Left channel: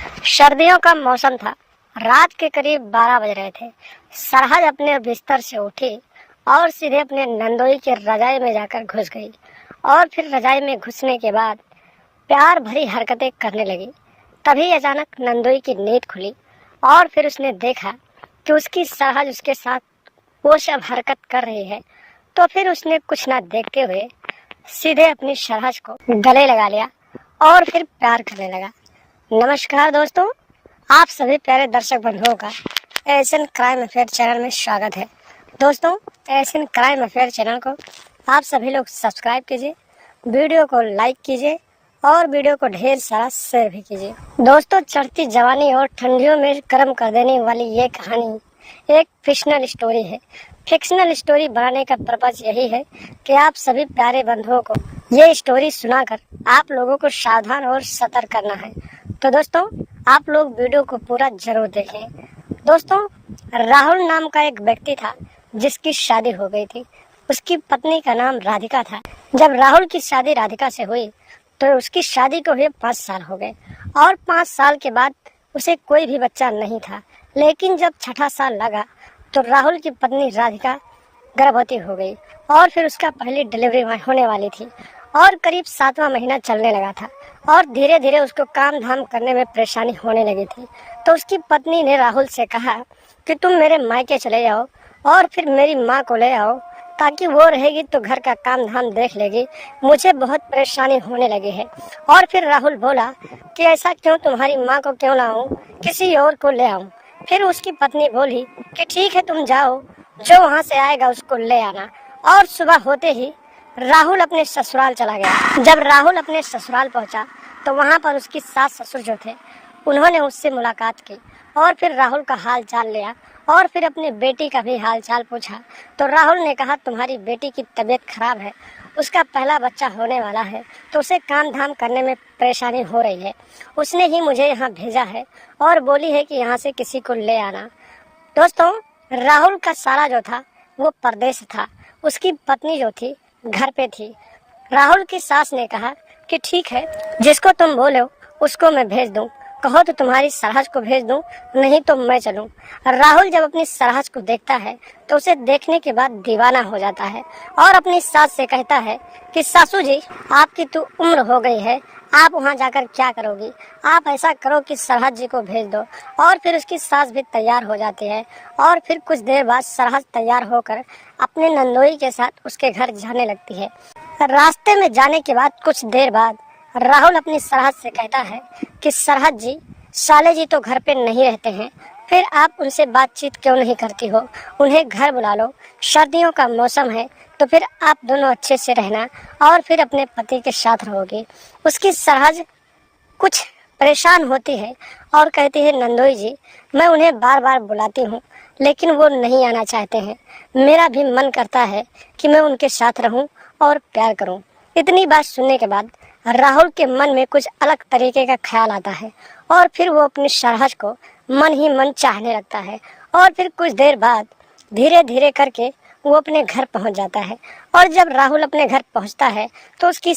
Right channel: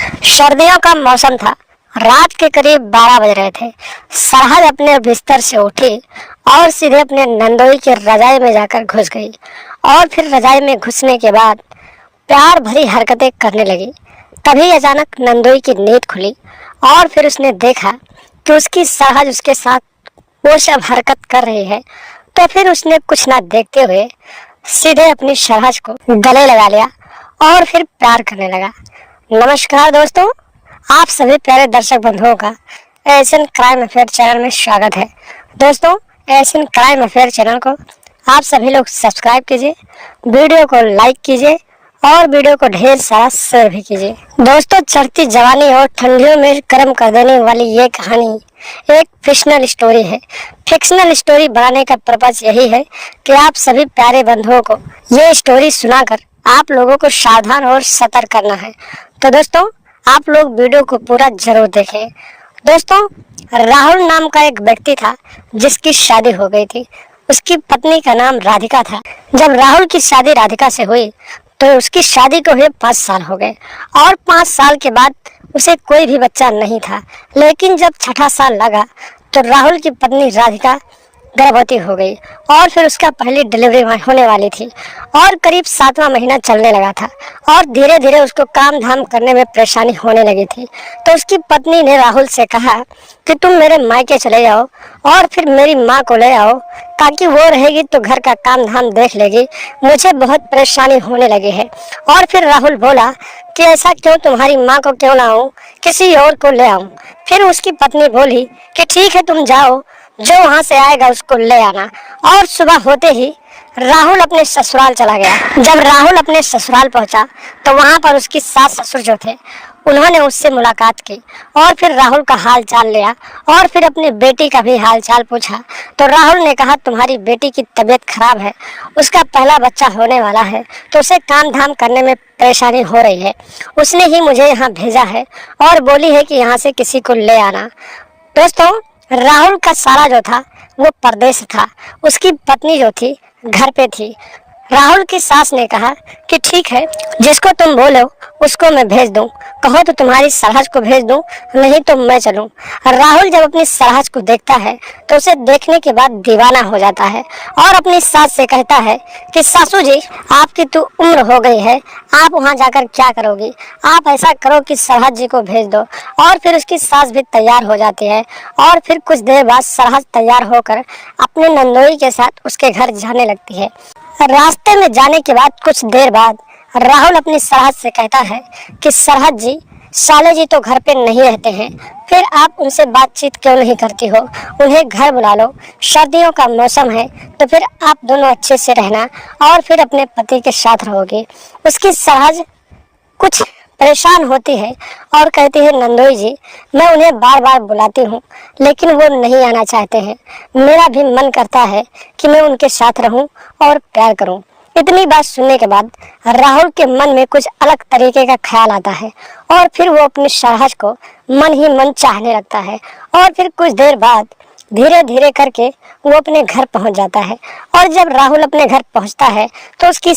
सर्दियों का मौसम था। रात के करीब 12 बज रहे थे। सरहद अपने बिस्तर से उठी और सीधे अपने नंदोई की रजाई में जाकर घुस गई और फिर रजाई में घुसने के बाद प्यार भरी हरकतें करने लगी। तभी अचानक नंदोई की नींद खुली और फिर उसने देखा कि उसकी सरहद उसके साथ वो सब हरकत कर रही है। तो फिर उसने कुछ ना देखते हुए सीधे अपनी सरहद को गले लगा लिया और फिर प्यार करने लगा। नमस्कार दोस्तों, आप सभी प्यारे दर्शक बंधुओं का एशियन क्राइम अफेयर चैनल में स्वागत है। दोस्तों, एशियन क्राइम अफेयर चैनल को आप सभी लोग सब्सक्राइब कीजिए, वीडियो को लाइक कीजिए और वीडियो को ढेर सारा शेयर भी कीजिए। दोस्तों, चढ़ती जवानी और ठंडियों में गर्म कर देने वाली ये कहानी एक फिक्शनल स्टोरी है। फिक्शनल स्टोरी बनाने का पर्पज यही है कि आप सभी प्यारे बंधुओं को ये स्टोरी सुनाकर आप लोगों को सावधान और सतर्क करना है। तो दोस्तों, आप लोग वीडियो को पूरा जरूर देखें। दोस्तों, राहुल नाम का एक व्यक्ति था जिसकी शादी हो गई थी। उसकी पत्नी का नाम राधिका था। जब राहुल की शादी राधिका से हुई तो उसकी शादी को हुए 5 साल हो गए और 5 साल के बाद उसे कोई भी बच्चा नहीं था। लेकिन जब छठा साल लगा तो राहुल की पत्नी राधिका गर्भवती हो गई और फिर उसका पहली डिलीवरी होने वाली थी और करीब 7वां महीना चलने लगा था और धीरे धीरे उसको काम धाम करने में परेशानी होने लगी थी। तो उसकी पत्नी ने राहुल से कहा कि तुम मेरे मायके चले जाओ और फिर मेरी माँ को ले आओ, ताकि वो रहेगी तो घर का काम धाम देख लेगी, मुझे बहुत परेशानी होने लगी है। और फिर राहुल बोला कि ऐसा क्यों, तुम्हारी माँ को क्यों लाऊं, किसी और को ले आऊं। फिर उसकी पत्नी बोली कि ठीक है, तुम जाओ, जो वहां से आएगा उसको ले आना। और सुबह होते ही राहुल अपने ससुराल चला गया। जब राहुल अपने ससुराल पहुंचा तो वहां पर उसकी सास ससुर जो थे उन्होंने उससे मुलाकात की और फिर राहुल का हाल चाल लिया और फिर अपनी बेटी का भी हाल चाल पूछा। तो राहुल ने कहा, तुम्हारी बेटी की तबीयत खराब है, उसका पहला बच्चा होने वाला है, तो उसे काम धाम करने में परेशानी हो रही है। उसने ही मुझे यहाँ भेजा है और बोली है कि यहाँ से किसी को ले आना। दोस्तों, राहुल का सारा जो था वो परदेश था। उसकी पत्नी जो थी घर पे थी। राहुल की सास ने कहा कि ठीक है, जिसको तुम बोलो उसको मैं भेज दूं, कहो तो तुम्हारी सरहद को भेज दूं, नहीं तो मैं चलूं। राहुल जब अपनी सरहद को देखता है तो उसे देखने के बाद दीवाना हो जाता है और अपनी सास से कहता है कि सासू जी, आपकी तो उम्र हो गई है, आप वहां जाकर क्या करोगी, आप ऐसा करो कि सरहद जी को भेज दो। और फिर उसकी सास भी तैयार हो जाती है और फिर कुछ देर बाद सरहद तैयार होकर अपने नंदोई के साथ उसके घर जाने लगती है। रास्ते में जाने के बाद कुछ देर बाद राहुल अपनी सरहद से कहता है कि सरहद जी, साले जी तो घर पे नहीं रहते हैं, फिर आप उनसे बातचीत क्यों नहीं करती हो, उन्हें घर बुला लो, सर्दियों का मौसम है तो फिर आप दोनों अच्छे से रहना और फिर अपने पति के साथ रहोगे। उसकी सरहद कुछ परेशान होती है और कहती है, नंदोई जी, मैं उन्हें बार बार बुलाती हूँ लेकिन वो नहीं आना चाहते हैं। मेरा भी मन करता है कि मैं उनके साथ रहूं और प्यार करूं। इतनी बात सुनने के बाद राहुल के मन में कुछ अलग तरीके का ख्याल आता है और फिर वो अपनी सरहद को मन ही मन चाहने लगता है। और फिर कुछ देर बाद धीरे धीरे करके वो अपने घर पहुंच जाता है और जब राहुल अपने घर पहुंचता है तो उसकी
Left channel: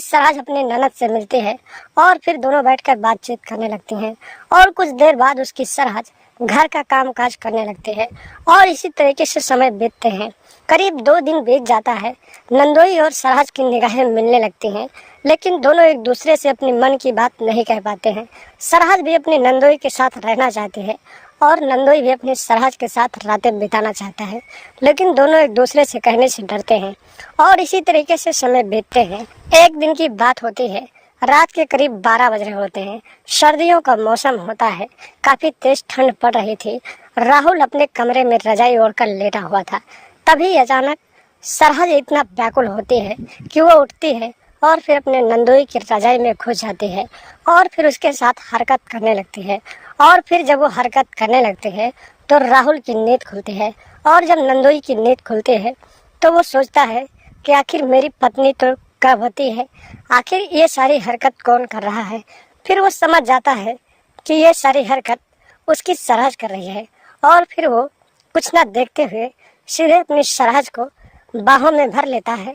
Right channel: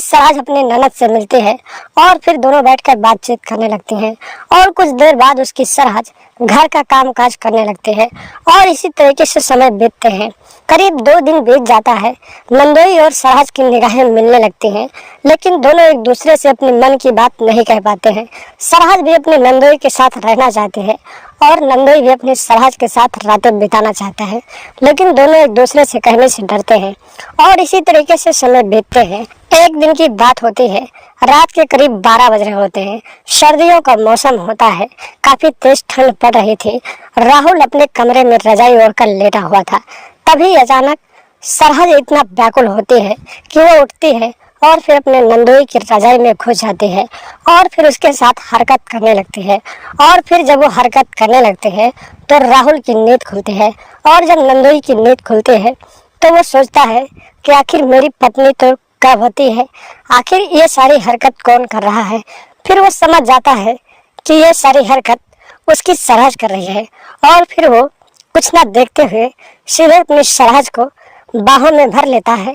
सरहद अपने ननद से मिलती है और फिर दोनों बैठकर बातचीत करने लगती हैं और कुछ देर बाद उसकी सरहद घर का काम काज करने लगते हैं और इसी तरीके से समय बीतते हैं। करीब 2 दिन बीत जाता है। नंदोई और सरहद की निगाहें मिलने लगती हैं, लेकिन दोनों एक दूसरे से अपने मन की बात नहीं कह पाते हैं। सरहद भी अपने नंदोई के साथ रहना चाहते हैं और नंदोई भी अपने सरहद के साथ रातें बिताना चाहता है, लेकिन दोनों एक दूसरे से कहने से डरते हैं और इसी तरीके से समय बीतते हैं। एक दिन की बात होती है, रात के करीब 12 बज रहे होते हैं। सर्दियों का मौसम होता है, काफी तेज ठंड पड़ रही थी। राहुल अपने कमरे में रजाई ओढ़कर लेटा हुआ था। तभी अचानक सरहद इतना व्याकुल होती है कि वो उठती है और फिर अपने नंदोई की रजाई में घुस जाती है और फिर उसके साथ हरकत करने लगती है। और फिर जब वो हरकत करने लगते हैं तो राहुल की नींद खुलती है और जब नंदोई की नींद खुलती है तो वो सोचता है कि आखिर मेरी पत्नी तो गर्भवती है, आखिर ये सारी हरकत कौन कर रहा है। फिर वो समझ जाता है कि ये सारी हरकत उसकी सरहद कर रही है और फिर वो कुछ ना देखते हुए सीधे अपनी सरहद को बाहों में भर लेता है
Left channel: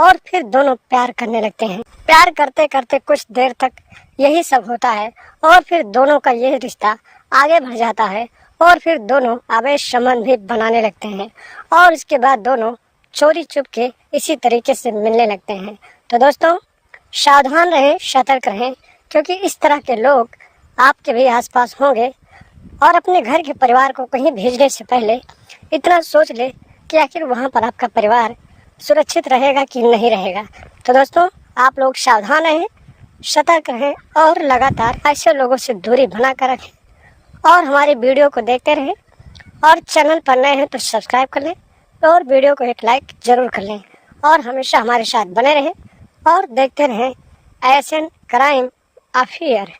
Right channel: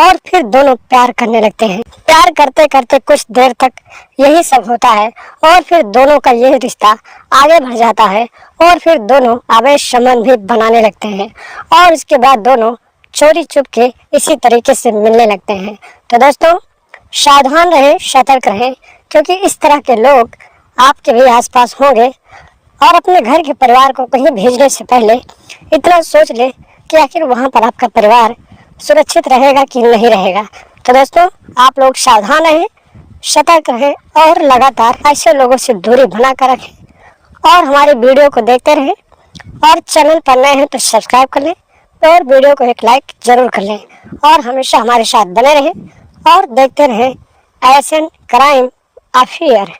और फिर दोनों प्यार करने लगते हैं। प्यार करते करते कुछ देर तक यही सब होता है और फिर दोनों का यह रिश्ता आगे बढ़ जाता है और फिर दोनों अवैध संबंध भी बनाने लगते हैं और इसके बाद दोनों चोरी चुप के इसी तरीके से मिलने लगते हैं। तो दोस्तों, सावधान रहे, सतर्क रहे, क्योंकि इस तरह के लोग आपके भी आसपास होंगे। और अपने घर के परिवार को कहीं भेजने से पहले इतना सोच ले कि आखिर वहाँ पर आपका परिवार सुरक्षित रहेगा कि नहीं रहेगा। तो दोस्तों, आप लोग सावधान रहें, सतर्क रहें और लगातार ऐसे लोगों से दूरी बना कर रखें और हमारे वीडियो को देखते रहें। और चैनल पर नए हैं तो सब्सक्राइब कर लें और वीडियो को एक लाइक जरूर कर लें और हमेशा हमारे साथ बने रहें और देखते रहें एएसएन क्राइम अफेयर।